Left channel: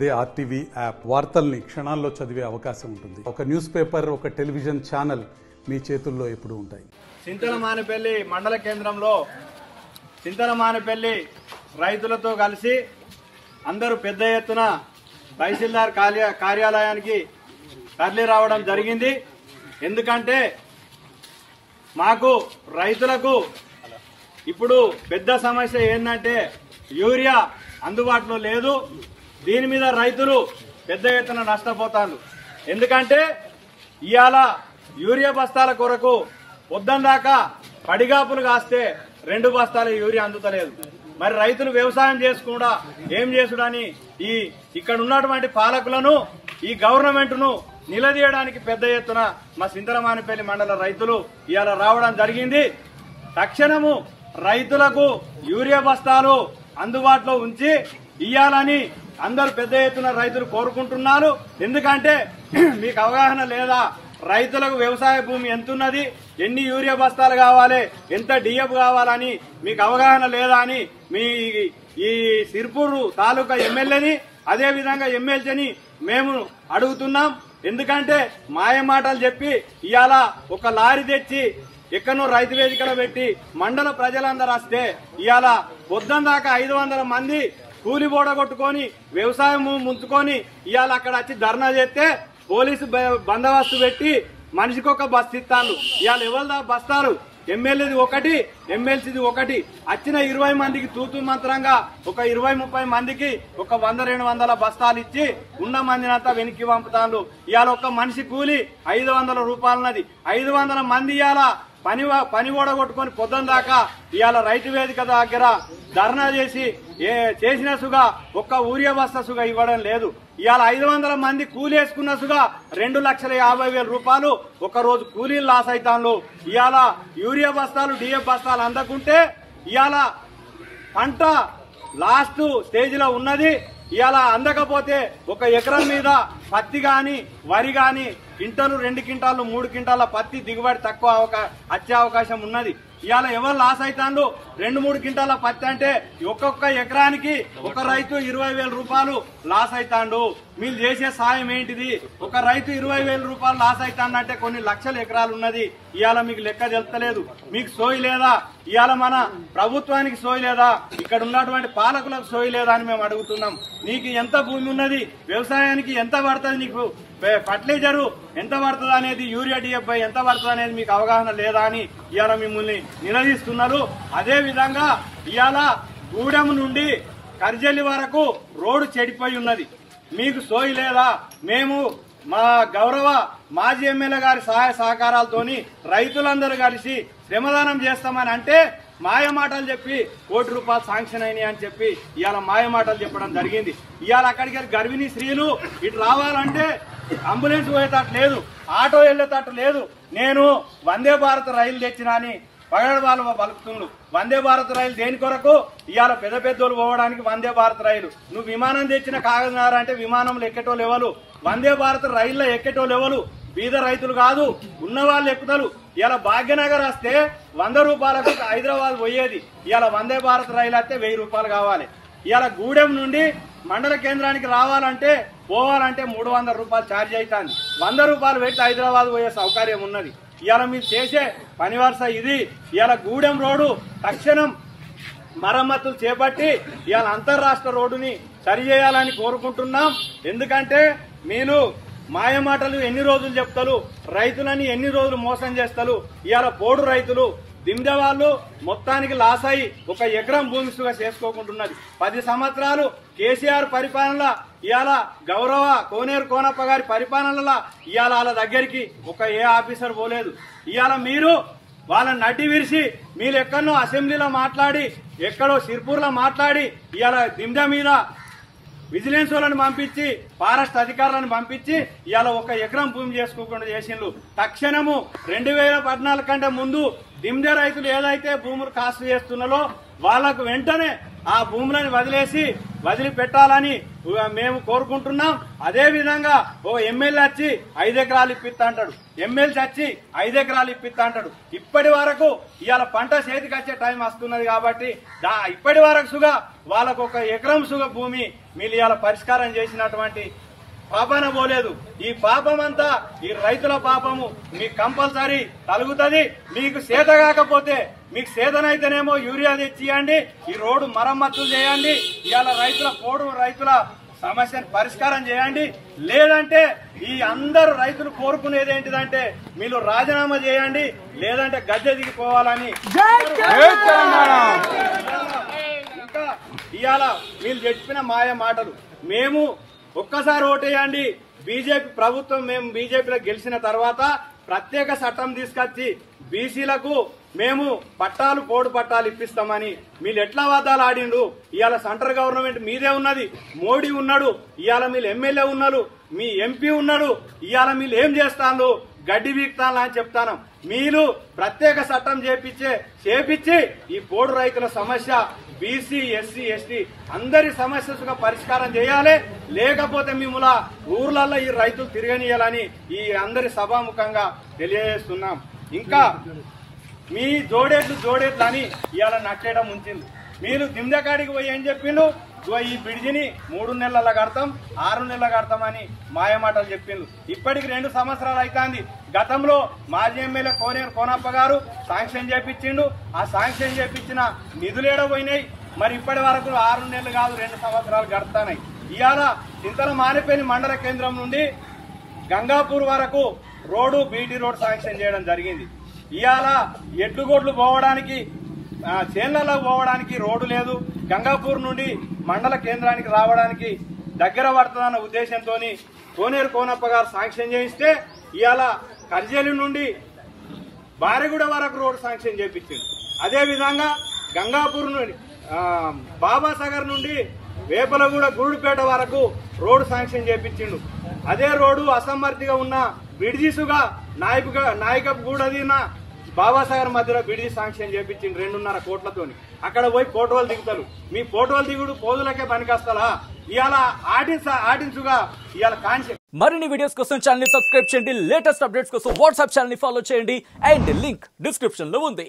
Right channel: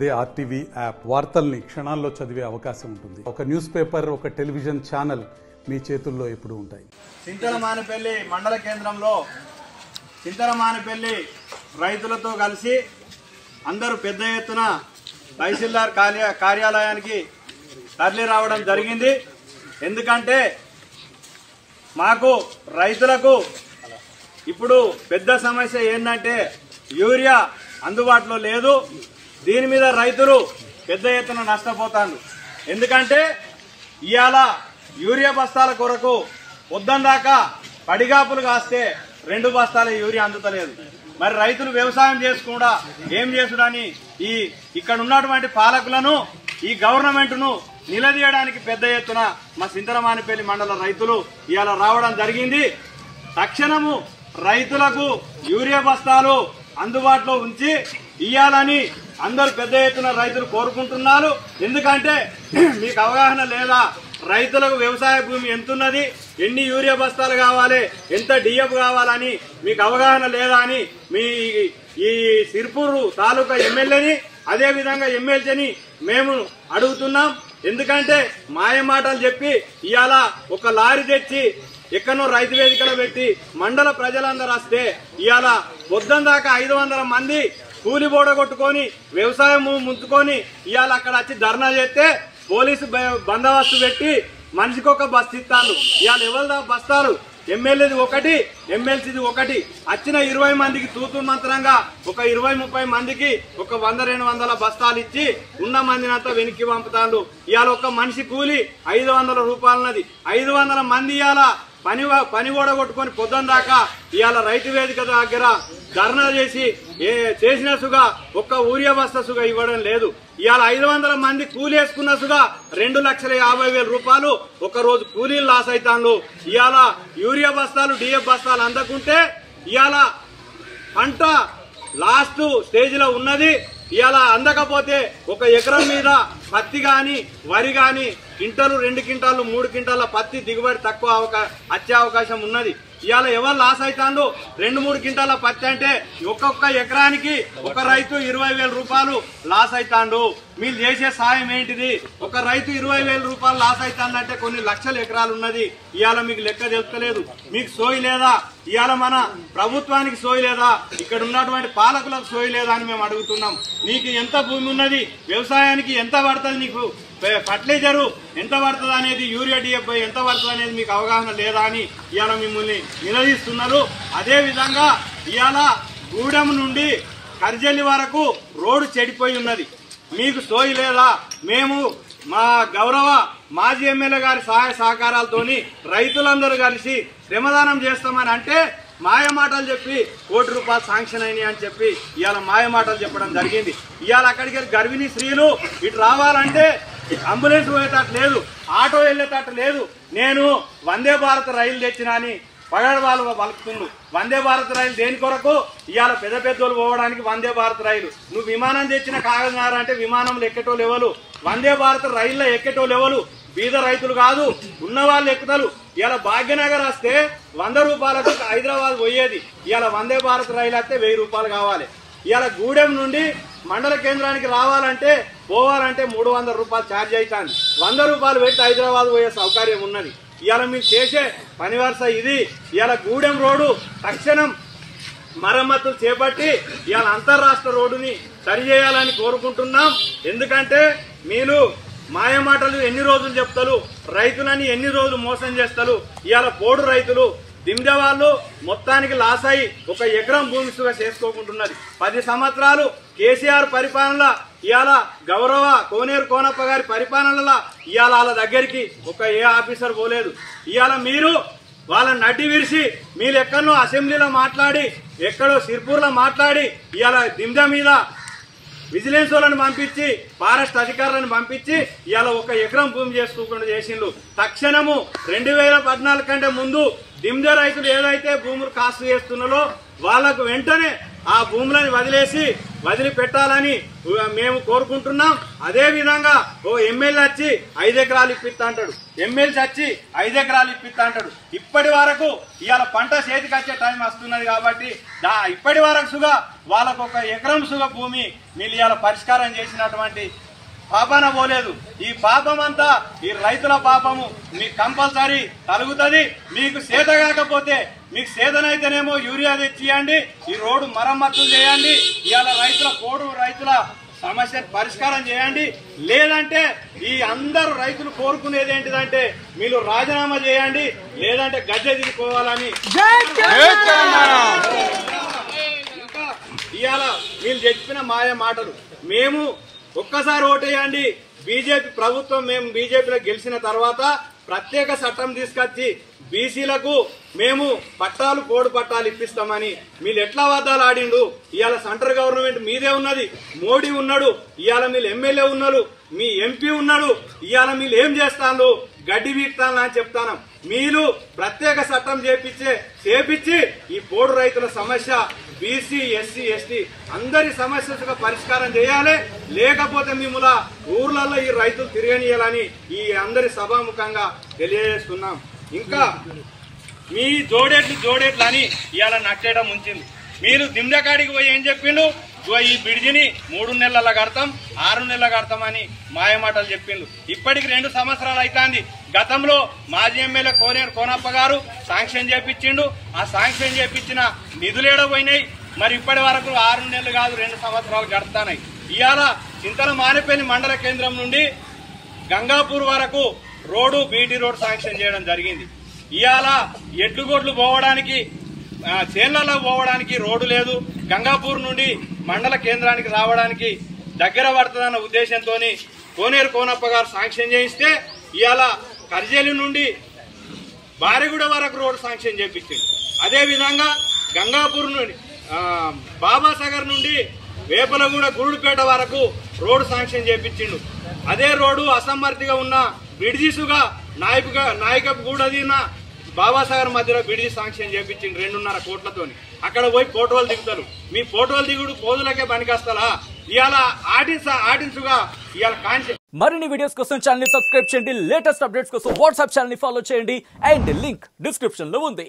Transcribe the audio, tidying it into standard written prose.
అదే RTV app వార్తల్ని క్షణాల్లో చదివే అవకాశం ఉంటుంది. ఒక న్యూస్ పేపర్, ఒక టెలివిజన్ ఛానల్ మీ చేతుల్లో ఎప్పుడూ ఉంటాయి. చింతలమానిపల్లి మండల కేంద్రంలో చింతలమానిపల్లి రైతులతో కలిసి అందరూ పెద్ద ఎత్తున తహసీల్దార్ కార్యాలయానికి తరలి రావడం జరిగింది. ఎందుకంటే మాకు రైతులకు ఇప్పుడు పెద్ద సమస్య ఏంటంటే యూరియా అందుబాటులో లేదు. దీని మీద రైతులు పెద్ద ఎత్తున నష్టపోతారు. ఎందుకంటే ఇవాళ యూరియా బస్తాల కొరకు పొద్దుందాకా పడిగాపులు కాస్తే 2 బస్తాల యూరియా అందుతలేదు. మరి రైతులు వ్యవసాయం చేసుకుండా ఏం చేసుడని ఇక్కడ ఉన్నటువంటి పాలకులను ఈ గవర్నమెంట్ను నిలదీయడానికి పెద్ద ఎత్తున మా చింతలమానిపల్లి మండల రైతులు ఇవాళ రావడం జరిగింది. తక్షణము రైతులకు యూరియా బస్తాలు అందుబాటులో ఉంచి ఇయ్యాలని అందరూ పెద్ద ఎత్తున రైతులు కోరుకుంటున్నారు. ఎందుకంటే మీకు అవగాహన లేదా, రైతులకు వ్యవసాయ భూమి ఎంతున్నది, ఎన్ని యూరియా బస్తాలు కావాలి, ఎంత డిఎఫ్ కావాలని మీకు అవగాహన లేదా అని మీ ఈ సిర్పూరు తాలూకా ఎమ్మెల్యేని అదేవిధంగా ఎమ్మెల్యేని మేము అడుగుతున్నాం. ఎందుకంటే మాయమాటలు చెప్పి ఇవాళ ఒక లారీ తెచ్చి ఎక్కడో రైతు వేదికలో పెట్టి మండల ప్రజలందరూ వస్తే ఇవాళ పొద్దుందాకా 500 మంది కూలి బోడగొట్టుకొని వ్యవసాయం ముంచుకొని ఇవాళ అక్కడ వచ్చి ధర్నా చేస్తే పోలీసు బందోబస్తు పెట్టి మనిషికి ఒక బస్సు ఇస్తాను. ఇవాళ ఎవరి బస్తాలు ఎమ్మెల్యేది ఒకటి, ఎమ్మెల్సీది ఒకటి. వచ్చిన 20 మందికి తూతూ మంత్రంగా ఒక 20-30 మందికి ఒక 100-200 బస్తాలు ఇచ్చి ఉన్న మందిని అంతా వెనక్కి పంపుతాను. ఇవాళ ఒక మనిషి కూలి 500 రూపాయలన్నది. 500 మంది ఇవాళ పని ఓడగొట్టుకొని పొద్దున్న దాకా ఇవాళ రైతు వేదిక దగ్గర ధర్నా చేసి చేసిన సుగా ఒక్క యూరియా బస్తా సుగా ఇవ్వడం లేదు. ఇవాళ 500 మంది కూలి వేసుకున్న సుగా 2,50,000 రూపాయలు ఒక రోజు కూలీలు లాస్ అవుతాను. ఇవాళ యూరియా బస్తాలు డిఎఫ్ బస్తాలు అందకుంటే ఇవాళ పంట లాస్ట్ స్టేజ్ లో ఉన్నది. ఇవాళ అందకపోతే ఒక ఎకరం మీద పత్తి గాని వరి గాని క్వింటాలు 2 క్వింటాలు 3 క్వింటాల పత్తి దిగుబడి తక్కువ వచ్చే అవకాశం ఉన్నది. ఇవాళ ఎవరు లాస్ అవుతాండు? 2-3 క్వింటాల పత్తి అంటే ఒక్కొక్క ఎకరానికి ఒక రైతు 20,000 రూపాయలు లాస్ అవుతాండు. మీరు చేసే సాయం ఏంటిది? ఒక రైతు 20,000 రూపాయలు లాస్ అవుతాండంటే కొన్ని లక్షల ఎకరాలు ఉన్నది. ఇవాళ మీకు లెక్క తెలుస్తలేదు. మీకు సోయి లేదా? ఇవాళ మన ప్రభుత్వానికి సోయి లేదా? ఇక్కడ ఉన్నటువంటి పాలకులకు సోయి లేదా అని మేము అడుగుతున్నాం. నీకు ఎంత భూమి ఉన్నది? వ్యవసాయానికి ఎంత పడుతుంది? నీకు ఫర్టిలైజరు ఎంత పడుతుంది అనేది, యూరియా డిఎఫ్ ఎంత పడుతుంది అనేది మీకు అవగాహన లేదా అని ఇవాళ మిమ్మల్ని నిలదీస్తున్నారు. అదేవిధంగా ఇవాళ గూడెం నుండి కర్జల్లి వరకు రోడ్డు చెడిపోయి ఉన్నది. మీకు సోయి లేదా? మేము మా గౌరవ మాజీ ఎమ్మెల్యే గారి సహాయ సహకారాలతోని రైతులందరూ కలిసి శ్రమదానం చేస్తామని అంటే మాయమాటలు చెప్పి ₹1 కోటి శాంక్షన్ అయినాయి అని చెప్పి ఇవాళ మాయమాటలు చెప్పడం జరిగింది. ఇవాళ అక్కడికి గర్భిణీ స్త్రీలు ఇటు రావాలంటే అంబులెన్స్ పోయేటట్టు లేదు, ఆటో వెళ్ళేటట్టు లేదు. నేను వందే భారత్ రైలు తెచ్చినా అని పగడవాళ్ళు పలుకుతుండు. వందే భారత్ రైలు దేని కొరకు? ఇవాళ పెద్ద పెద్దోళ్ళు పోవడానికి వందే భారత్ రైలు. నువ్వు విమానం తెచ్చిన కాగజనగర్ అంటే విమానంలో ఎక్కేటోళ్ళు ఎవరు? వందే భారత్ రైల్లో ఎక్కేటోళ్ళు ఎవరు? బీద రైతులు కాదు, ఉన్న వాళ్ళు ఎక్కుతారు. ఇలా భాగ్యనగర్ వస్తే 100 రూపాయలకు హైదరాబాద్ పోయేది. ఇలా వందే భారత్ రైలు వస్తే 1000 రూపాయలు కావాలి. ఇలా గూడెం నుండి మండల కేంద్రానికి రావాలంటే పోవాలంటే 300 రూపాయలు ఛార్జ్ అవుతుంది. 100 రూపాయలు పెట్టి హైదరాబాద్ పోయే సౌకర్యం ఉన్నది. ఇవాళ మీరు చేసే పని వరుస ఇది. ఇవాళ గూడెం రోడ్డు తక్షణం మరమ్మతులు చేపట్టి ఇవాళ అంతర్రాష్ట్ర రోడ్డుని సరిచేయాలని కోరుకుంటున్నాం. ఎందుకంటే మీరు మాయమాటలు ఎన్ని రోజులు చెప్తారు, రైతులని ఎన్ని రోజులు మోసం చేస్తారు. ఇవాళ పోడు రైతులు దిమ్దె వాళ్ళు మొత్తానికి లాస్ అయ్యి ఒక ఎకరం భూమి సుగా చేసుకోకుంటున్నది. 10 సంవత్సరాలు కేసీఆర్ పరిపాలన, ఇవాళ గౌరవ కోనేరు కోనప్ప గారి పరిపాలనలో ఇవాళ వాళ్ళ దగ్గరికి ఒక ఏ ఆఫీసర్ పోలేదు. ఇవాళ మీరు వాళ్ళని నడ్డి విరిసి మీరు ఎక్కడో అసెంబ్లీలో మాట్లాడి ఎక్కడో సిర్పూర్లో మాట్లాడి ఇవాళ దిమ్దె మీద విజిలెన్స్ వాళ్ళని పంపించి ఫారెస్ట్ అధికారులను పంపించి ఇవాళ ఒక ఎకరం భూమి చేసుకోకుండా చేసిండ్రు. తక్షణము 2014 కంటే ముందు దిమ్దె రైతులు ఏదైతే భూములు కాసు చేస్తున్నారో వాళ్లకు వెంటనే ఆ భూములను వదిలిపెట్టాలని మేము కోరుకుంటున్నాం. అదే విధంగా ఓ ఎమ్మెల్యే వచ్చి 5 ఎకరాలు ఇప్పిస్తా అంటాడు, ఎమ్మెల్సీ వచ్చి 5 ఎకరాలు ఇప్పిస్తా అంటాడు. ఇప్పటి వరకు ఇవాళ పంట చేతికి వచ్చే టైం వస్తున్నది కాబట్టి ఇప్పటి వరకు సుగా వాళ్ళకు 1 ఎకరం సుగా భూమి మీరు ఇవాళ పరిష్కారం చేసినటువంటి పాపన పోలేదు. ఈ పాపం అంతా ఈ రైతుల పాపము మీకు కంపల్సరీ తలుగుతుంది. మీకు చేత కాకపోతే మీకు చేతనైతేనేమో యూరియా తెచ్చియండి, ఈ రోడ్డు మరమ్మతులు చేయండి, ఇవాళ రైతుల సమస్యను పరిష్కారం చేయండి. లేదంటే ఈ అందరు రైతులు కోరుకునేది ఏంటిదంటే మీరు రాజీనామా చేయండి, లేదంటే గద్దె దిగిపోవాలని. ఇంకా ఇవాళ వీళ్ళు చెప్పిన మాయ మాటలు, మేము ఒక్కసారి ఓటేయండి, బీజేపీ ప్రభుత్వం మేము బీజేపీలో గెలిచిన తర్వాత ప్రత్యేక చట్టం తీసుకొచ్చి బీసీలకు మేము పోడు పట్టాలు ఇప్పిస్తామని మీరు ఎట్లా వాదాలు ఆడిండు. ఇవాళ సెంట్రల్ గవర్నమెంట్ మీదే ఉన్నది, మోడీ ఉన్నాడు, ఇవాళ మీరు ఎమ్మెల్యే ఉన్నారు, మీ ఎంపీ ఉన్నాడు, ఇవాళ మీరు ఏం చేస్తాను గడ్డి వీక్తాను అని చెప్తాను. మీరు ప్రత్యేక చట్టం చేపించి ఈ పోడు రైతుల సమస్య బీసీ ఎస్సీ ఎస్టీ అందరి సమస్యలుగా పరిష్కారం చేయాలి. లేకపోతే మిమ్మల్ని ఊర్లలో ఈ రైతులు తిరగనియాలని ఈ అందరి సభాముఖంగా తెలియజేస్తున్నాం. ఇంకా మీ జోడేట్లు అని ఇవాళ నట్టేయడం ఉంచింది. మీరు దిమ్దకాడికి పోయి ఏం చెప్పిండు, ఈ బ్రిడ్జిని 3 నెలల కడతాం 6 నెలల కడతామని మాయమాటలు చెప్పిండు. ఇప్పటికి 2 సంవత్సరాలు అవుతుంది. గతంలో మాజీ ఎమ్మెల్యే కోనేరు కోనప్ప గారు శాంక్షన్ చేపించిండు. ఆ శాంక్షన్ చేపించిన నిధులేడపోయినాయి. మరి ఇప్పటి వరకు 6 నెలలు కాదు 2 సంవత్సరాలు గడుతున్నాయి. ఇవాళ చింతల మానేపల్లి మండల కేంద్రం నుండి గంగాపూర్ వరకు రోడ్డు బీటీ రోడ్ శాంక్షన్ చేయడం జరిగింది. ఇవాళ ఎడ్లుగొడ్లు పోవడానికి చేన్లలో పోవడానికి రోడ్డు లేదు. గంగాపూర్ నుండి మండల కేంద్రానికి రావడానికి దగ్గర పడుతుందన్న ఉద్దేశంతో కోనేరు కోనప్ప గారు శాంక్షన్ చేయిస్తే ఇవాళ కర్జేలి నుండి బారెగూడ వరకు రోడ్డు శాంక్షన్ చేయించిండు. అదేవిధంగా గంగాపూర్ నుండి బాబాసాగర్ నుండి వేపలగూడ గురుడుపేట వరకు రోడ్డు శాంక్షన్ చేయించిండు. అదే రోడ్డు అసమర్థిగా ఉన్న బ్రిడ్జిసుగా నాయకగూడదిన బాబాసాగర్ మధ్యలో బ్రిడ్జి శాంక్షన్ చేయించింది 2.5 కోట్లతోని. అక్కడ పోయి ఫోటోలు దిగుతారు. మీ ఫోటోలు దిగుడు పోజులకే పనికొస్తారా? ఇవాళ ఆర్డిన్సుగా ఇవాళ కాన్సెప్ట్. మరిన్ని వీడియోస్ కోసం ఛానల్ ని సబ్స్క్రైబ్ చేయండి. లేటెస్ట్ అప్డేట్స్ కోసం వాట్సాప్ ఛానల్ ని ఫాలో చేయండి. అండ్ లింక్ డిస్క్రిప్షన్ లో ఉంది.